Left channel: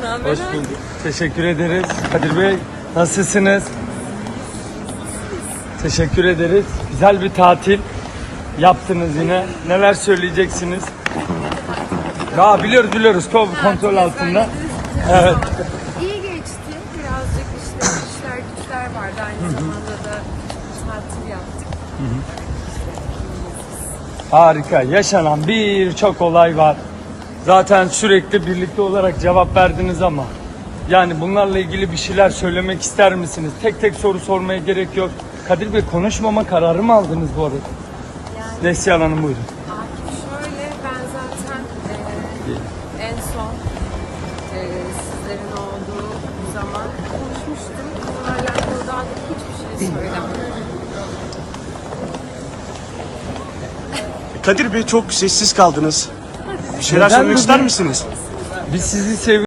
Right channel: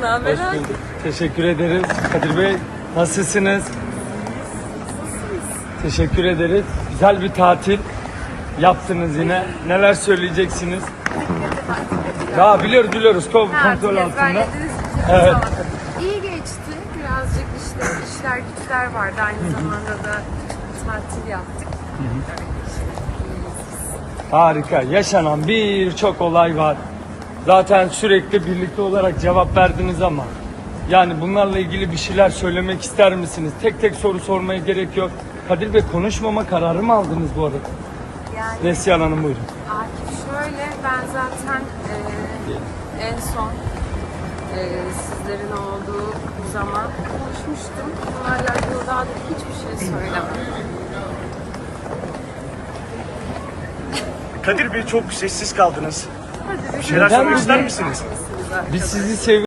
Ne haber Hoş Akif? bulduk. Teşekkür ederiz. Kadir Bey nasılsınız? Teşekkür ederiz. Güzel bir tatil yaptınız yine. Neler söyleyeceksiniz? Ha biliyoruz biliyoruz. Ko- Kontrol altında. Evet. İyi geçti. Birazcık işte işler güçler vardı. Aynı zamanda da tatil yaptık. Harika. Yaşanan birçok olay var. Zaten sürekli birlikte olarak cevap verdiniz ama yani bunlarla ilgili bir şeyler söylemek ister misiniz? Tek tek soru sormaya gerek yok. Kadir Bey konuşmama kararı mı aldınız bu arada? Yani Neslihan Hanım buyurun. Akif şöyle ben zaten e, en son e, sizlerin olduğu zaman konuşmuştum. Bununla alakalı daha da hiçbir şey söylemedim. Kadir Bey çok sessiz kaldınız. Şeyler söylemek ister misiniz? Biz sizi seviyoruz.